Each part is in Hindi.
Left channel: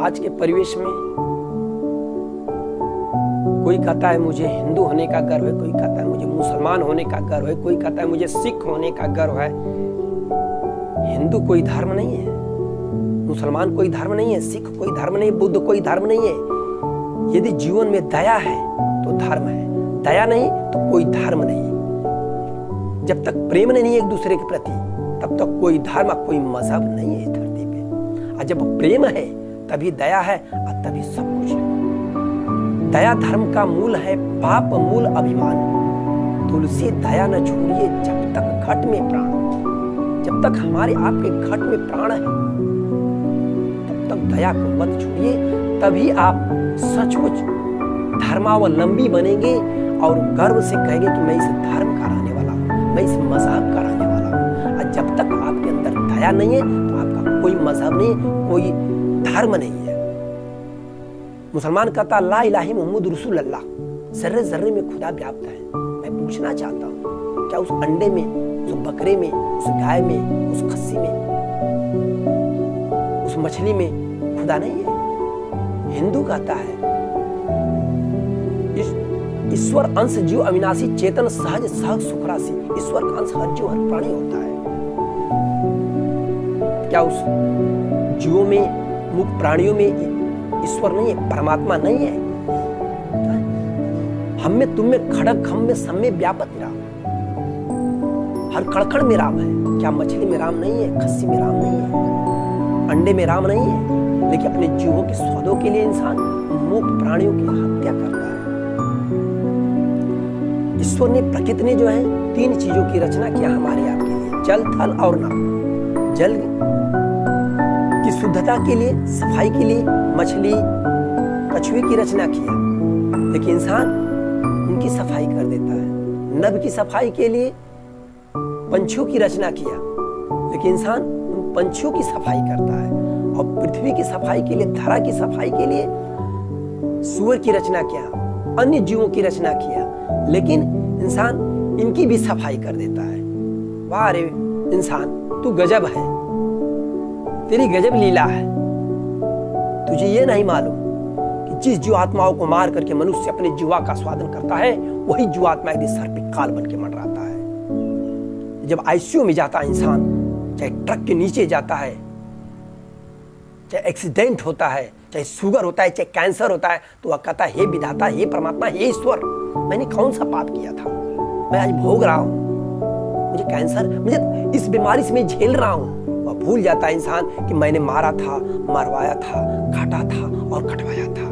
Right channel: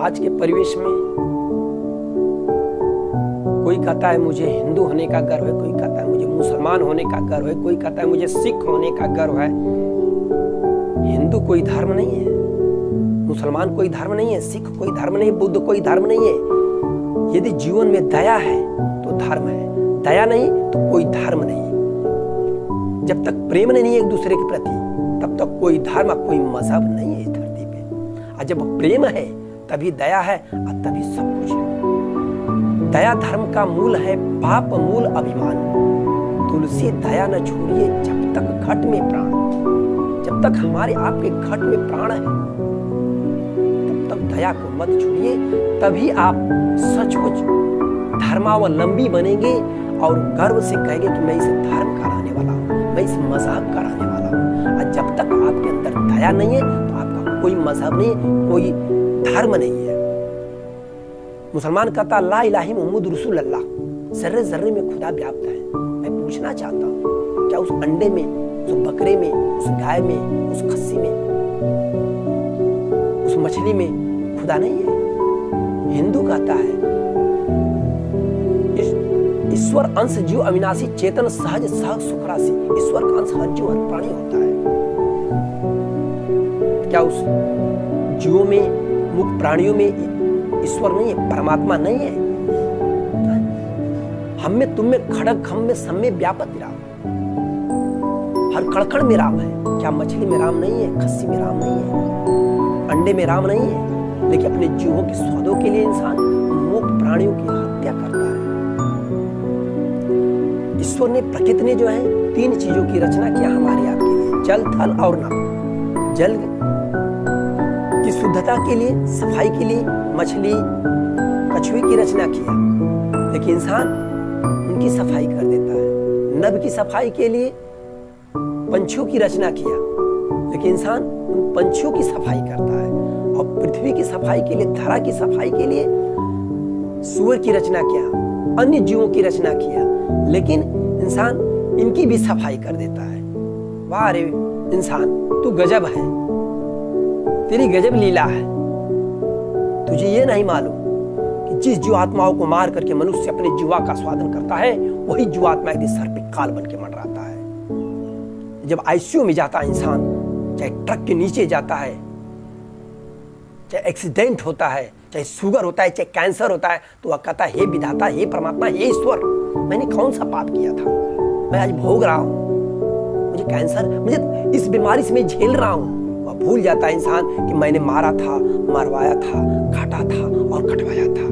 आज के परिवेश में कोई कहता है मुझे हिंदू होने का गर्व है, कोई कहता है मुझे मुसलमान होने का गर्व है, कोई कहता है मुझे सिख होने का गर्व है। हिंदू कोई धर्म नहीं है, मुसलमान कोई धर्म नहीं है, सिख कोई धर्म नहीं है, बुद्ध कोई धर्म नहीं है। यदि जीवन में दया है तो धर्म है, दया नहीं तो कोई धर्म नहीं। जब तक प्रेम नहीं है एक दूसरे के प्रति तब तक कोई धर्म कोई मजहब नहीं है धरती पे। और जब प्रेम है तभी दया है और तभी सब कुछ है। दया धर्म का मूल है, पाप मूल अभिमान। तुलसी दया न छोड़िए जब तक घट में प्राण। जब तक हमारे आपके घट में प्राण है तब तक दया को मत छोड़िए, तभी आप सचमुच धर्मावलंबी बनेंगे और गर्व से कहेंगे कि मैं इस धर्म का रहने वाला हूं, मैं इस मजहब का रहने वाला हूं। और जब तक आपके अंदर दया नहीं है तो आपका कोई मजहब नहीं, कोई धर्म नहीं है। मुसलमान कहता ला इलाही मोहम्मद रसूल अल्लाह, जर्रे जर्रे में खुदा व्याप्त है। मैं पूछना चाहता हूँ क्या उस अंडे में, उस बकरे में, उस गाय में, उस खस्सी में, उस मछली में खुदा नहीं है? हिंदू कहता है ईश्वर अंश जीव अविनाशी चेतन सहज सहज सुखराशि। ईश्वर का अंश हर जीव हर प्राणी होता है। क्या उस जीवों में, मुक्त प्राणियों में ईश्वर नहीं है, परमात्मा नहीं है? हम में, तुम में, खड़ग खम में, सब में व्यापक राम, हर कड़कड़ में राम है। क्या मछली में राम नहीं है, खस्सी में राम नहीं है, अंडे में राम नहीं है? लेकिन अपने जीवों के स्वादों के लिए इंसान मुक्त प्राणियों की हत्या करता है। ईश्वर ने, प्रकृति ने जो है तीन चीजों की रचना किया हमारे आपके लिए, जल थल और नभ। जल की शुद्धता के लिए, सफाई के लिए मछली कछुए की रचना किया, लेकिन इंसान उनकी सफाई कर देता है। नभ की सफाई के लिए पंछियों की रचना किया, लेकिन इंसान उन पंछियों की सफाई करता है। और पृथ्वी की सफाई के लिए, धरा की सफाई के लिए सूअर की रचना किया, अन्य जीवों की रचना किया, लेकिन इंसान इनकी भी सफाई कर देता है। वाह रे इंसान, तू गजब है, तेरी गजब लीला है। तुझे ये नहीं मालूम कि जिस जीवात्माओं को मार करके मनुष्य अपने जीवा का स्वादन करता है, वही जीवात्मा यदि सर पे काल बन के मंडराता है। जब आईसीयू में जाता है इंसान, चाहे ट्रक के नीचे जाता है, चाहे एक्सीडेंट होता है, चाहे शुगर होता है, चाहे कैंसर होता है, तो वह कहता है हे विधाता, हे परमात्मा, हे ईश्वर, मैंने कौन सा पाप किया था, मैं आज भोग रहा हूं, मुझे कैंसर, मुझे इस बीमारी से मैं झेल रहा हूं। वह भूल जाता है इंसान कि मैंने मारा था, मरवाया था, काटा था और कटवाया था।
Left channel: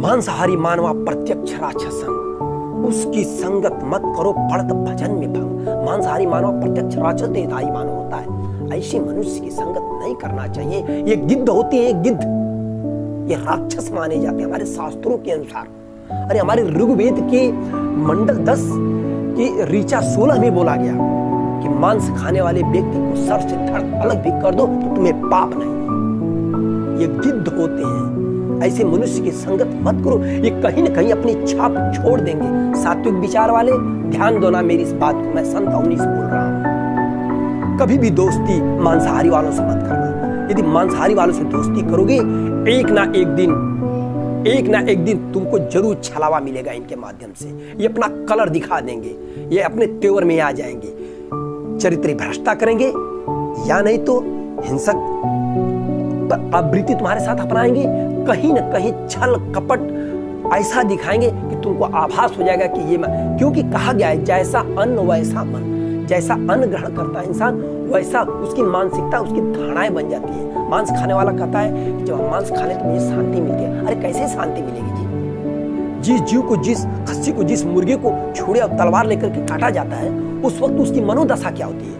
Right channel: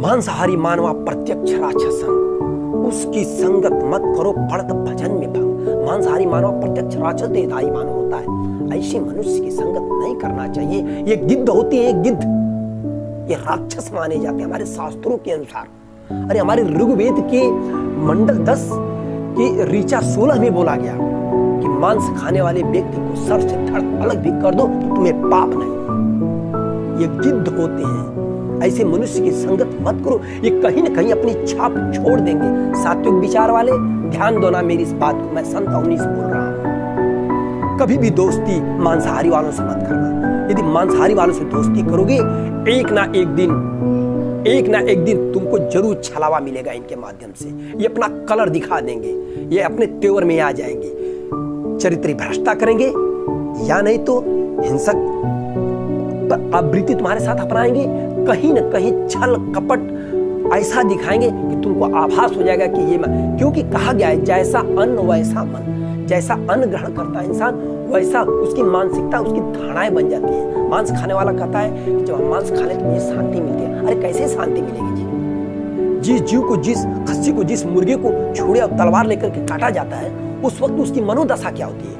मांसाहारी मानवा प्रत्यक्ष राक्षसंग, उसकी संगत मत करो पड़त भजन में भंग। मांसाहारी मानवा प्रत्यक्ष राक्षस देहधारी मानव होता है, ऐसे मनुष्य की संगत नहीं करना चाहिए। ये गिद्ध होती है, गिद्ध, ये राक्षस माने जाते हैं हमारे शास्त्रों के अनुसार। अरे हमारे ऋग्वेद के मंडल 10 की ऋचा 16 में बोला गया कि मांस खाने वाले व्यक्ति को सर से धड़ अलग भी कर दो तो तुम्हें पाप नहीं। ये गिद्ध होते हैं, ऐसे मनुष्य की संगत मत करो, ये कहीं न कहीं अपनी छाप छोड़ देंगे। सात्विक विचार वाले ध्यान दो ना मेरी इस बात को, मैं संत अवनी से बोल रहा हूं। कभी भी दोस्ती मांसाहारी वालों से मत करना। यदि मांसाहारी वालों से दोस्ती करोगे, एक ना एक दिन तुमको जरूर छलावा मिलेगा इनके माध्यम से। ये अपना कलर दिखा देंगे, ये अपने तेवर में आ जाएंगे, चरित्र भ्रष्टा करेंगे, या नहीं तो हिंसक आवृत्ति तुम्हारे साथ अपनाएंगे। कहीं न कहीं छल कपट ऐसा दिखाएंगे कि तुमको आभास हो जाएगा कि ये क्योंकि कहा गया है जैसा अन्न वैसा मन। जैसा अन्न ग्रहण करता है इंसान, वैसा उसकी मानसिकता, उसकी धारणाएं बन जाती है। मांस खाने वाला कहता है कि जब हम मांस खा लें तो मुझे शांति मिलती है। अरे कैसे शांति मिलेगी जी? जिस जीव को, जिस खस्सी को, जिस मुर्गे को छुरे और तलवार लेकर के काटा जाता है, उस वक्त उसकी मनोदशा क्या होती है?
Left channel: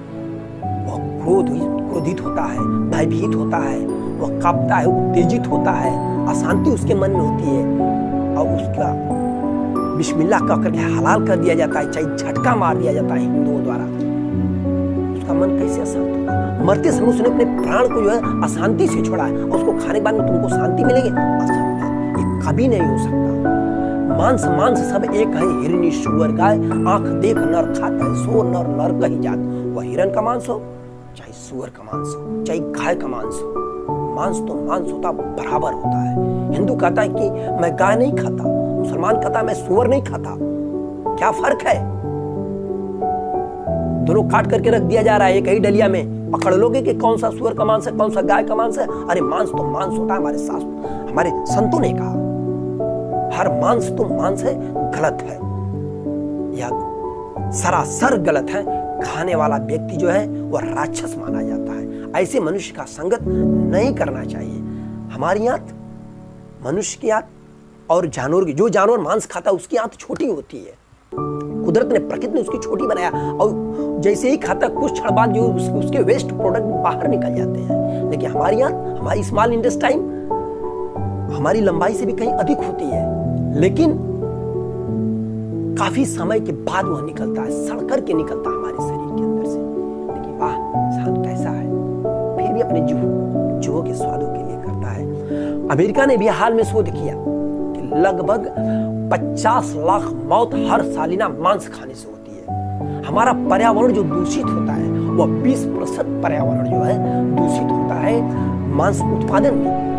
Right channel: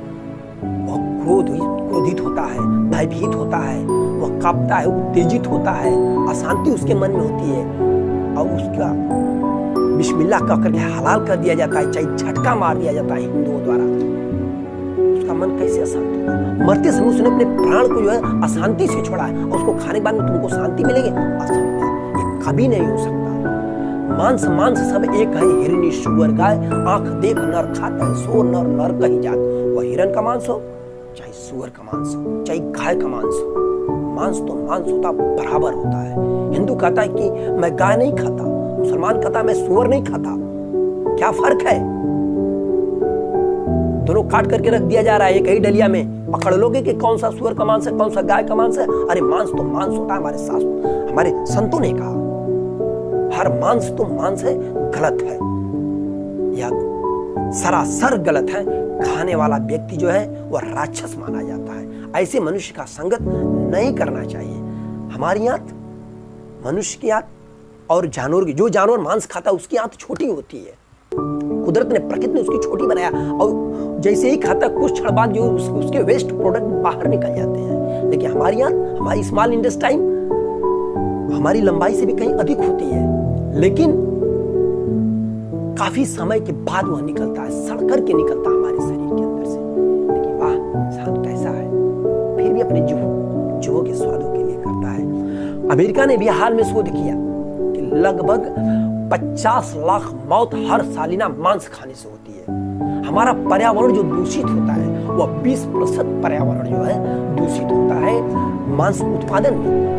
वह क्रोधित होता है, भयभीत होता है, वह कांपता है, उत्तेजित होता है, अशांति उसके मन में होती है, और उसका बिस्मिल्लाह कह करके हलाल कर दिया जाता है, चाहे झटका मार दिया जाता है हिंदुओं द्वारा, उसका मन कैसे अशांत होगा? मरते समय उसने अपने प्राण को जो है अशांति से छोड़ा है, और उसको खाने के बाद में तुमको शांति मिलेगी? असंभव, ये कभी नहीं हो सकता। मांस मांस सब एक है, हिरनी सुअर गाय, आंख देख नर खाता है, सो नर नर कही जात। वह हिरन का मांस हो, चाहे सुअर का मांस हो, चाहे गाय का मांस हो, मांस तो मांस होता बराबर होता है। हिंदू कहता है कि मैं गाय नहीं खाता, मुसलमान कहता है मैं सूअर नहीं खाता। क्या फर्क है? दोनों काट करके रख दिया जा रहा है एक ही डलिया में। पकड़ लोगे कि कौन सा सूअर का मांस है, कौन सा गाय का मांस है? अरे मांस तो मांस होता है। हमारे शास्त्र, हमारे संतों ने कहा हर मांस तो मांस है, गलत है, यह सरासर गलत है। खाने वाला व्यक्ति जो है वह राक्षस माना जाता है। ऐसे मनुष्य का संगत नहीं करना चाहिए। हमारी आंत, मनुष्य की आंत और जानवर की, जो जानवर मांस खाता है उसकी आंत छोटी होती है। कुदरत ने, प्रकृति ने उसकी छोटी बनाया, और जैसे ही खाता कुछ क्षण बाद जो उसके वेस्ट प्रोडक्ट बाहर निकल जाते हैं। लेकिन हमारी आंत, हमारी स्मॉल इंटेस्टाइन हमारी लंबाई से भी कहीं अधिक होती है, लेकिन काफी समय के बाद वह निकलता है, सड़ करके निकलता है हमारे शरीर के अंदर से। लेकिन वाह, इंसान कैसा है, फिर भी अपने जीवों के स्वादों के लिए करता है। अमेरिका ने भी हाल में शोध किया कि लगभग 50 लाख मौत हर सालिना मांस खाने से होती है। हमारा पर्यावरण जो दूषित होता है वह 20% पर्यावरण जो है दूषित होता है मांस उत्पादन में।